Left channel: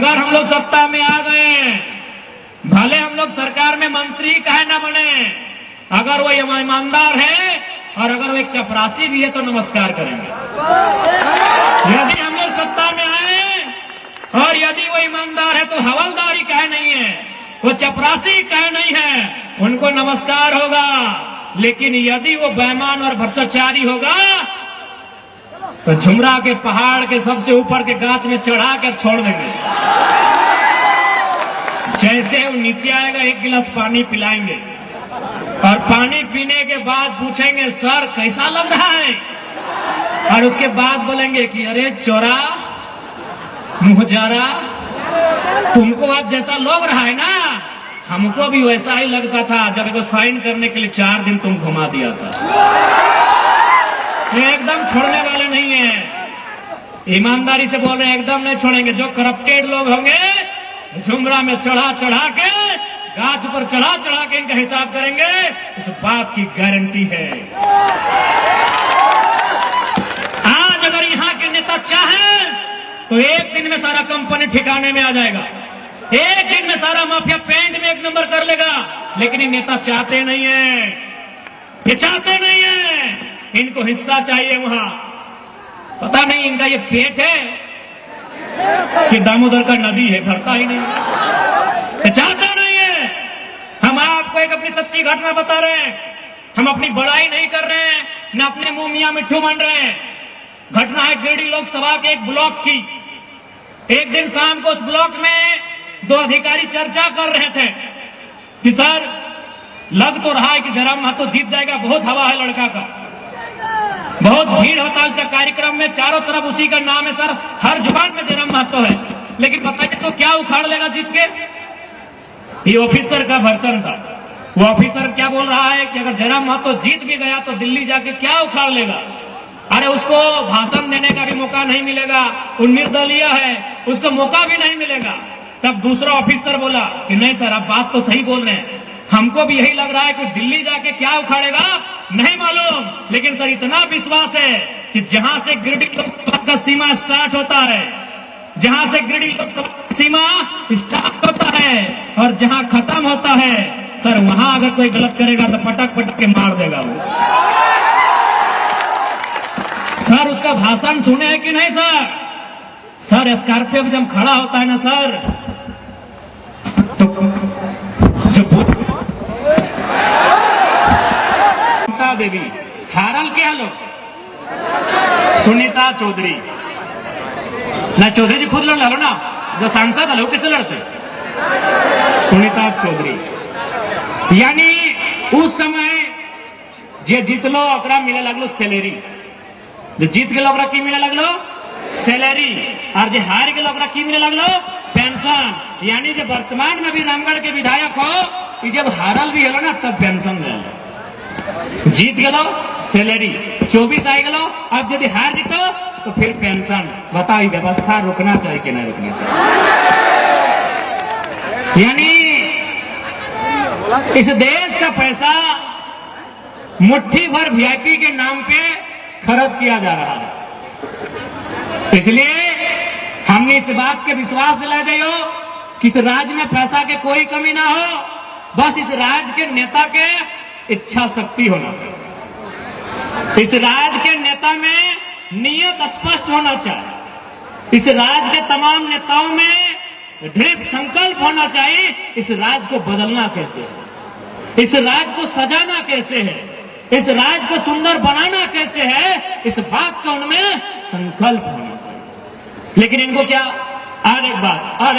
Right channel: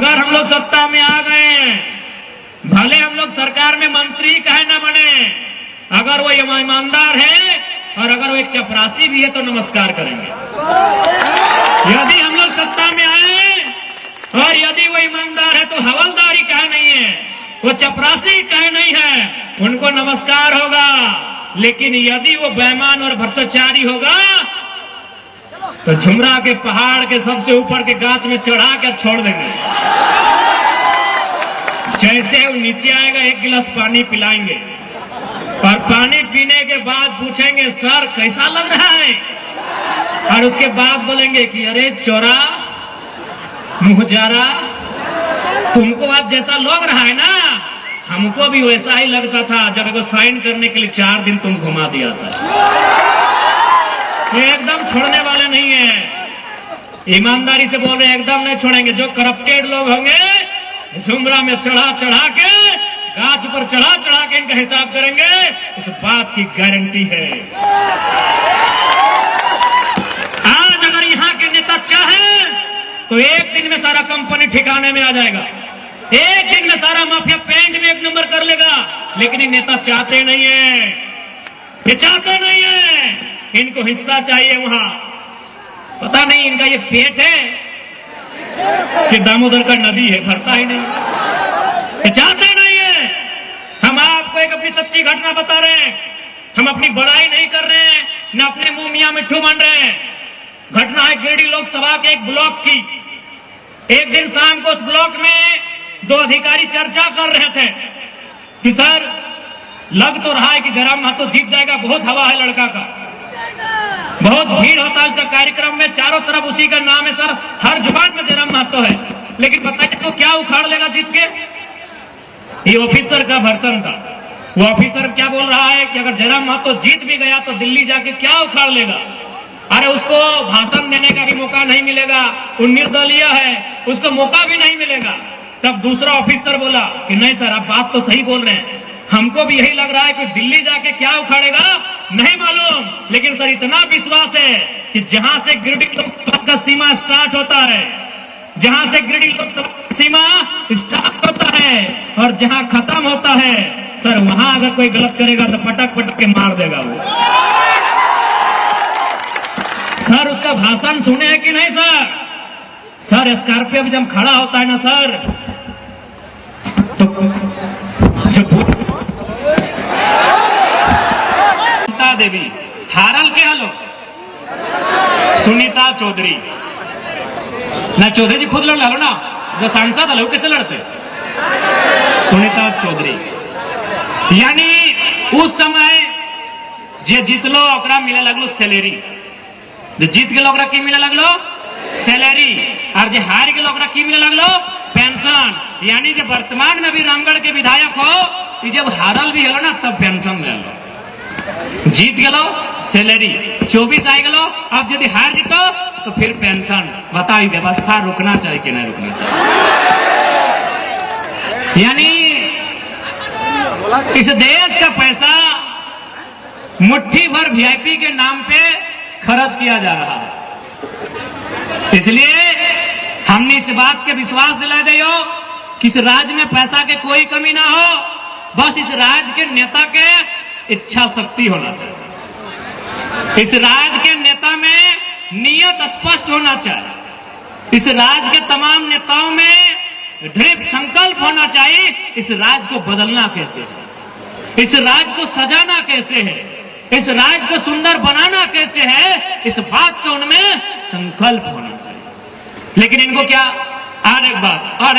अगर हम लोग सत्ता में आ गए, भले हम लोग सरकार में मंत्री काहे ना बने, अगर वो ईमानदार है और अगर वो एक चपरासी भी है तो नमस्कार करेंगे। यदि हम लोग सत्ता में आए और यदि वो ईमानदार है तो हवलदारी काहे नहीं है, वो चपरासी काहे नहीं है, उनको नमस्कार होगा। लेकिन यदि वो बेईमान और भ्रष्टाचारी होगा तो झुमरा के पहाड़ के सबसे ऊपर के गाछ में चढ़ा कर छोड़ देंगे। जैसे वो नीचे आएगा एक गिलास पानी पिलाएंगे और पानी पीने के बाद पूछेंगे सर कैसा लग रहा है, और उसके बाद बोलेंगे कि अरे चोरा मुहजारा, तुमको आज जैसा लग रहा है ना, हमको भी वैसा ही लगता था जब वो साइन करने के लिए 4 दिन तुम घुमा दिया था। एकदम छोड़ने वाले नहीं है, ईमानदारी से बोल रहे हैं, एकदम नहीं छोड़ेंगे। जो करप्टेड लोग होंगे झुमरा में चढ़ा चढ़ा के, गाछ पर चढ़ा चढ़ा के इनका हिसाब करेंगे, इस बात की गारंटी है। आज अगर यहाँ के नेता चाहे तो एक दिन में सारा कंपनी ठिकाने में आ जाएगा, एक दिन में सारा माफिया पैंट में 1 नंबर कर लेगा। लेकिन ये नेता चाहते नहीं है, ये चाहते नहीं है, इनको हिस्सा चाहिए वहां। पता नहीं इनका ये पेट है कि दामोदर का नदी है, भरता ही नहीं, ये चाहते नहीं है। हम आपको एक अपनी सच्ची घटना बता रहे हैं, हम अपनी बड़ाई नहीं कर रहे हैं, न अपने मुंह मियां मिट्ठू बन रहे हैं। घटना है गिरिडीह लोकसभा के एक ब्लॉक की। एक दिन शाम को उस ब्लॉक में 2 अधिकारी चर्चा कर रहे थे कि सर लग तो रहा है कि जयराम महतो जीत जाएगा, बहुत हवा है लड़का का, बहुत भीड़ होता है उसका कार्यक्रम में, चारों तरफ उसी का नाम है सर, हर जुबान में जयराम महतो है। लेकिन बताइए तो क्या उखाड़ लेगा जीत के? ये ऑफिसर का वर्जन था। वो ऑफिसर क्या बोल रहा है कि अगर जयराम महतो जीत भी गया तो दिल्ली जाके क्या उखाड़ लेगा? अरे उसको भाषण देने का भी मौका नहीं मिलेगा, वो निर्दलीय है, उसको मौका भी नहीं मिलेगा। तब दूसरा ऑफिसर बोला कि नहीं सर आप बात तो सही बोल रहे हैं, हमको भी यही लग रहा है कि दिल्ली जाके क्या उखाड़ेगा नहीं मालूम, लेकिन सर इतना विश्वास है कि जहां से गिरिडीह लोकसभा का सीमा स्टार्ट होता है, जहां से गिरिडीह लोकसभा सीमा स्टार्ट होता है और जहां खत्म होता है, सर वहां अगर कोई गलत करेगा तो पटक पटक के मार देगा वो। सर उसका भाषण सुने हैं कि नहीं सर? सर स्कॉर्पियो में जब खड़ा होता है ना सर, तो जो देवी हारल के हलो सुनीता चौधरी ना, चौधरी जी खुद लड़ लो ना, जो सांसद हलो कैसे लड़ते? सुनीता चौधरी। यानी उस समय जे जीतलो ओकरा मिले लगलो सैलरी, जो जीत गेलो ओकरा की मिले लगलो सैलरी, और जो हार गेलो ओकरा की मिले लगलो पेंशन। यानी जो वर्तमान में भी रामगढ़ के विधायक हो, जब हारल भी हलो ना तब पेंशन ले लो, जीत गेलो सैलरी, 24 आ गेलो, अब यदि हार जीतो तो फिर पेंशन। बताइए व्यवस्था रुकना चाहिए कि नहीं रुकना चाहिए? यानी इस देश का पैसा मुट्ठी भर वीआईपी के नाम पे खर्च किया जा रहा है। इसलिए हमने इस बात के विश्वास दिला दियो कि इस राज्य में पैसा के कोई कमी ना हो, बस इस राज्य के नेता के इच्छा शक्ति होना चाहिए, इस राज्य के नेता में नियत स्पष्ट होना चाहिए, इस राज्य के तमाम नेताओं में दृढ़ संकल्प होना चाहिए इस राज्य को बदलना कैसे है, इस राज्य को सजाना कैसे है, इस राज्य को सुंदर बनाना कैसे है, इस बात का उनमें संकल्प होना चाहिए। लेकिन इनको क्या, और एक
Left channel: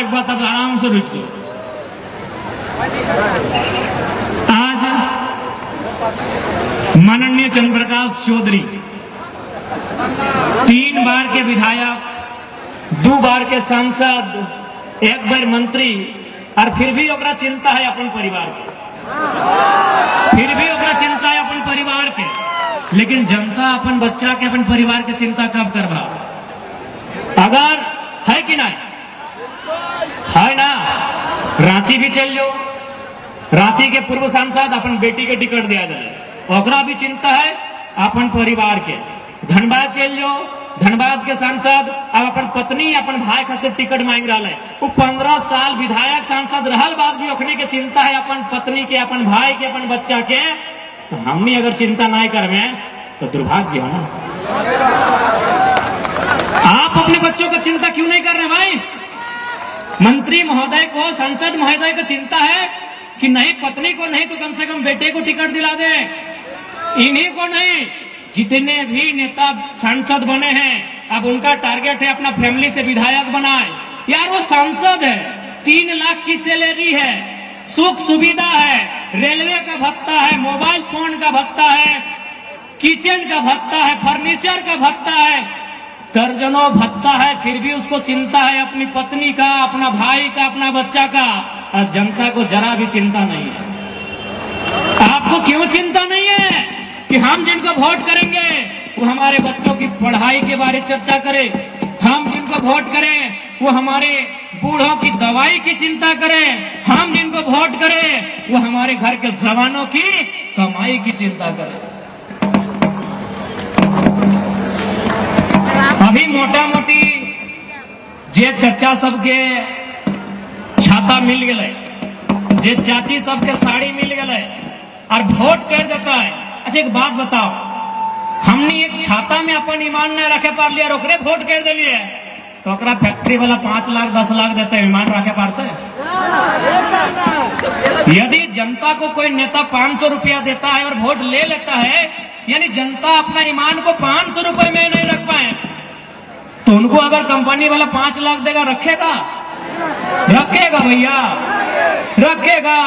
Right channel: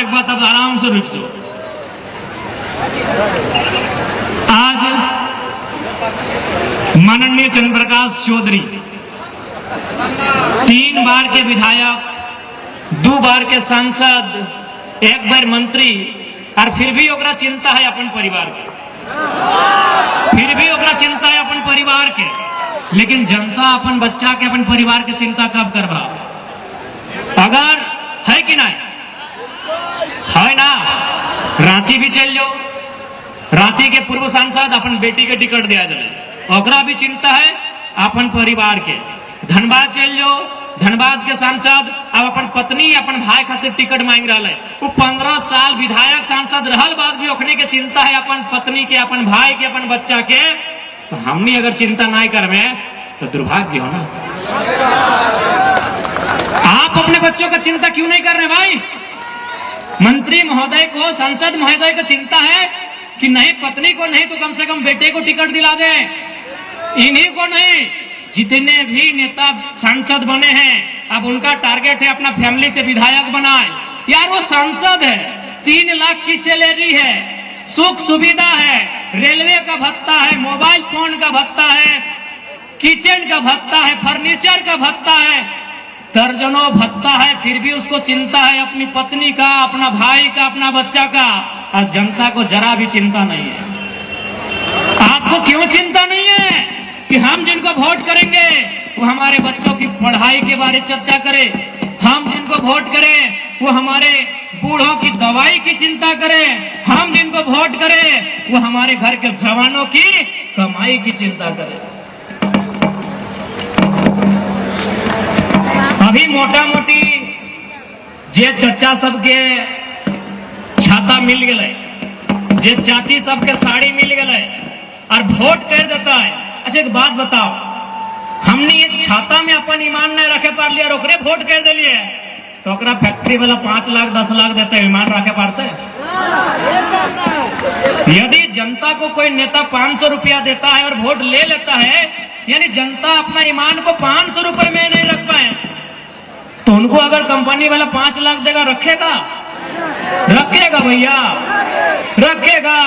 बात अब आराम से रुक जाओ। आज माननीय चंद्र प्रकाश चौधरी 3 बार के विधायक, 2 बार के सांसद, 1 बार मंत्री, और फिर भी ओकरा चिंता है अपन परिवार के, फिर भी ओकरा चिंता है अपन परिवार के। लेकिन जनता अपन बच्चा के, अपन परिवार के चिंता कब करवा? अगर है कि नहीं है ना, रांची भी चल जाओ, रांची के पूर्व सांसद अपन बेटी के टिकट दिया जाए, ओकरा भी चिंता है अपन परिवार के। धनबाद चल जाओ, धनबाद के सांसद अब अपन पत्नी अपन भाई खातिर टिकट मांग रहा है। वो 15 साल विधायक सांसद रहल बाद भी ओखने के चिंता है अपन पत्नी के, अपन भाई के, अपन बच्चा के। तो हमने अगर चिंता ना करवे तो दुर्भाग्य हो ना। आप अपने बच्चों का चिंता क्यों नहीं कर रहे भाई? मंत्री महोदय को, सांसद महोदय को चिंता है कि नहीं पत्नी को नहीं तो कम से कम बेटे को टिकट दिला दे। इन्हीं को नहीं, जितने भी नेता सांसद बने हैं अब उनका टारगेट है अपना फैमिली से विधायक बनाए। यार वो सांसद है, 3 लाख की सैलरी है, सुख सुविधा है, रेलवे का भत्ता है, मोबाइल फोन का भत्ता है, किचन का भत्ता है, फर्नीचर का भत्ता है, दर्जनों भत्ता है, फिर भी उसको चिंता है अपनी पत्नी का, अपना भाई का, अपना बच्चा का। और जनता को जरा भी चिंता नहीं है। आपको क्यों चिंता नहीं है कि हम जिनको वोट करेंगे वो हमारे बच्चों की पढ़ाई के बारे चर्चा करें, हम जिनको वोट करें वो हमारे बूढ़ों की दवाई की चिंता करें, हम जिनको वोट करें वो हमारे घर के जवानों की कमाई की चिंता करें। अभी मोटा मोटी जे चचा सबके छाता मिल गए, जे चाची सबके साड़ी मिल गए और वोट कर देता है। अच्छा एक बात बताओ, हमने एक छाता में अपन ईमान नहीं रखे पार लिया, ओकरे वोट कर दिलिए तो ओकरा फैक्ट्री वाला 5 लाख 10 लाख देते हैं, ईमान रखे पारते। यदि जनता को कोई नेता 500 रुपया देता है और वोट ले लेता है, यानी जनता अपना ईमान को 500 रुपए में नहीं रख पाए, तो उनको अगर कंपनी वाला 5 लाख देगा रखेगा? रखेगा भैया, रखेगा।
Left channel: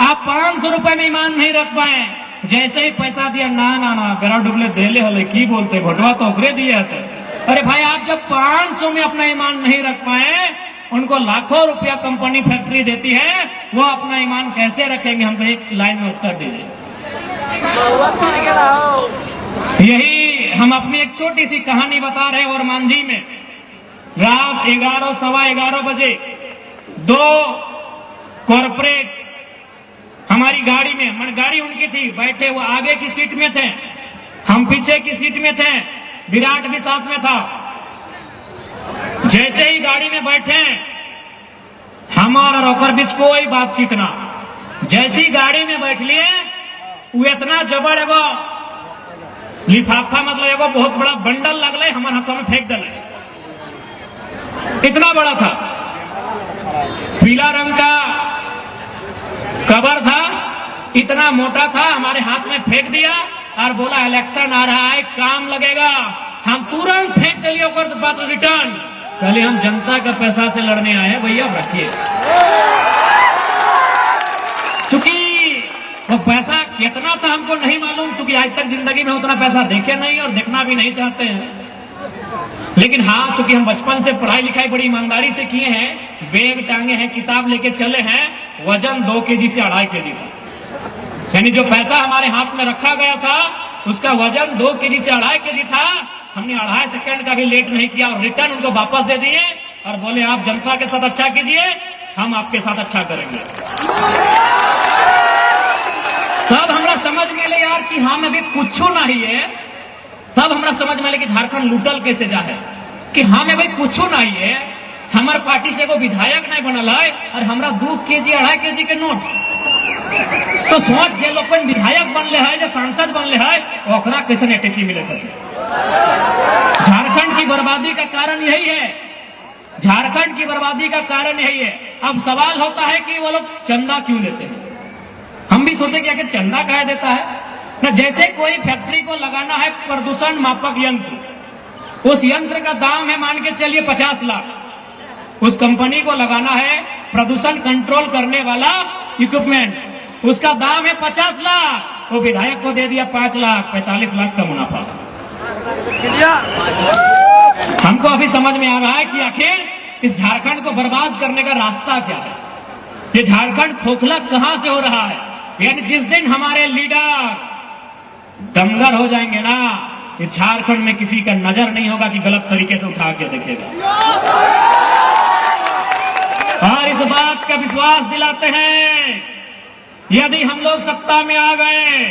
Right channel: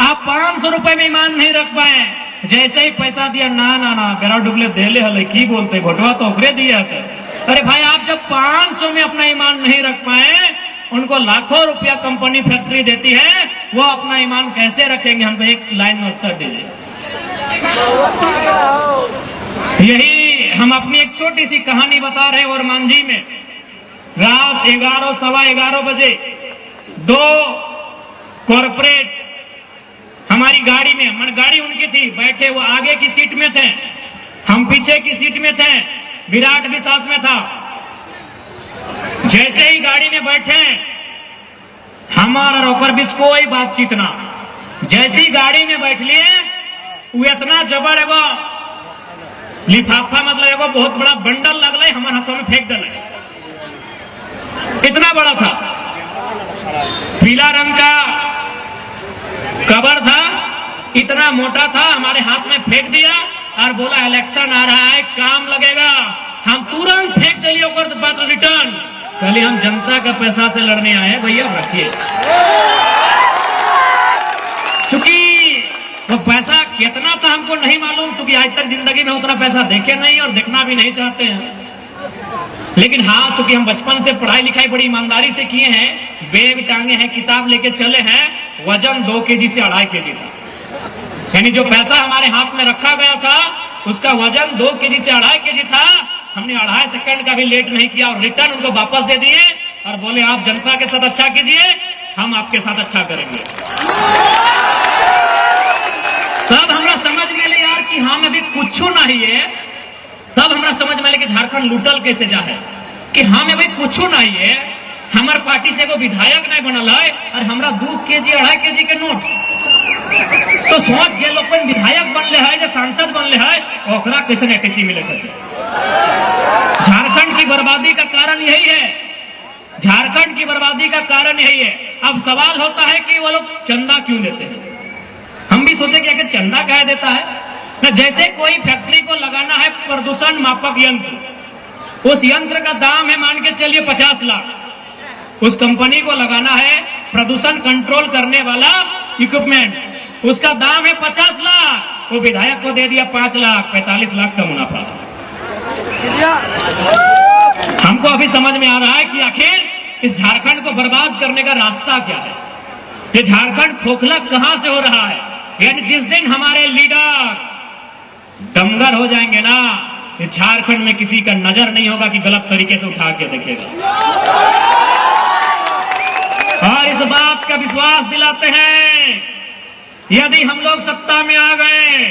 आप 500 रुपए में ईमान नहीं रख पाए, जैसे ही पैसा दिया ना ना ना बेरा डुबले देले हले की बोलते, भोटवा तो ओकरे दिया था। अरे भाई आप जब 500 में अपना ईमान नहीं रख पाए, उनको लाखों रुपया कंपनी फैक्ट्री देती है, वो अपना ईमान कैसे रखेंगे? हमको एक लाइन में उत्तर दीजिए। यही हम अपनी एक छोटी सी कहानी बता रहे हैं। और मांझी में रात 11 सवा 11 बजे 2 कॉर्पोरेट हमारी गाड़ी में, मन गाड़ी उनकी थी, बैठे वो आगे की सीट में थे, हम पीछे की सीट में थे, विराट भी साथ में था। जैसे ही गाड़ी में बैठे हमारा रोकर बीच कोई बातचीत ना, जैसी गाड़ी में बैठ लिए वो इतना जबर एगो लिफाफा, मतलब एगो बहुत बड़ा बंडल लगल हमारे हाथों में फेंक दिले, इतना बड़ा था, पीला रंग का कवर था, इतना मोटा था, हमारे हाथ में फेंक दिया और बोला इलेक्शन आ रहा है, काम लगेगा। हम तुरंत फेंक दिए और बात रिटर्न कल हम जनता का पैसा से लड़ने आए हैं भैया, रखिए। क्योंकि वो पैसा कितना था हमको नहीं मालूम, क्योंकि आज तक जिंदगी में उतना पैसा देखे नहीं और देखना भी नहीं चाहते हैं। लेकिन हाँ, चूंकि हम बचपन से पढ़ाई लिखाई बड़ी ईमानदारी से किए हैं, बैग टांगे हैं, किताब लेके चले हैं, वजन 2 केजी से 2.5 केजी था। यानी जो पैसा हमारे हाथ में रखा गया था उसका वजन 2 केजी से 2.5 केजी था। हमने 2.5 सेकंड का भी लेट नहीं किया और रिटर्न उनको वापस दे दिए और बोले आप जनता के साथ अच्छा कीजिए, हम आपके साथ अच्छा करेंगे। तब हमरा समझ में ले यार कि हम अभी कुछ नहीं है, तब हमरा समझ में ले कि झारखंड लूटल कैसे जा है, कि हम अभी कुछ नहीं है, हमार पार्टी से एगो विधायक नहीं बनल है और हमरा 2 केजी 2.5 केजी के नोट। तो सोच जे लोग विधायक बनले है, जो सांसद बनले है, ओकरा कैसे अटैची मिले थे। झारखंड की बर्बादी का कारण यही है, झारखंड की बर्बादी का कारण यही है। अब सवाल होता है कि वो लोग चंदा क्यों लेते हैं? हम भी सोचे कि अगर चंदा कह देता है ना, जैसे कोई फैक्ट्री को लगाना है प्रदूषण मापक यंत्र, उस यंत्र का दाम है मान के चलिए 50 लाख, उस कंपनी को लगाना है प्रदूषण कंट्रोल करने वाला इक्विपमेंट, उसका दाम है 50 लाख, वो विधायक को दे दिया 5 लाख, 45 लाख का मुनाफा। हमको अभी समझ में आ रहा है कि आखिर इस झारखंड को बर्बाद करने का रास्ता क्या है, ये झारखंड खोखला कहां से हो रहा है। यानी जिस दिन हमारे लीडर दमगर हो जाएंगे ना, ये झारखंड में किसी का नजर नहीं होगा कि गलत तरीके से उठा के देखेगा। और इस बात का विश्वास दिलाते हैं, यदि हम लोग सत्ता में आ गए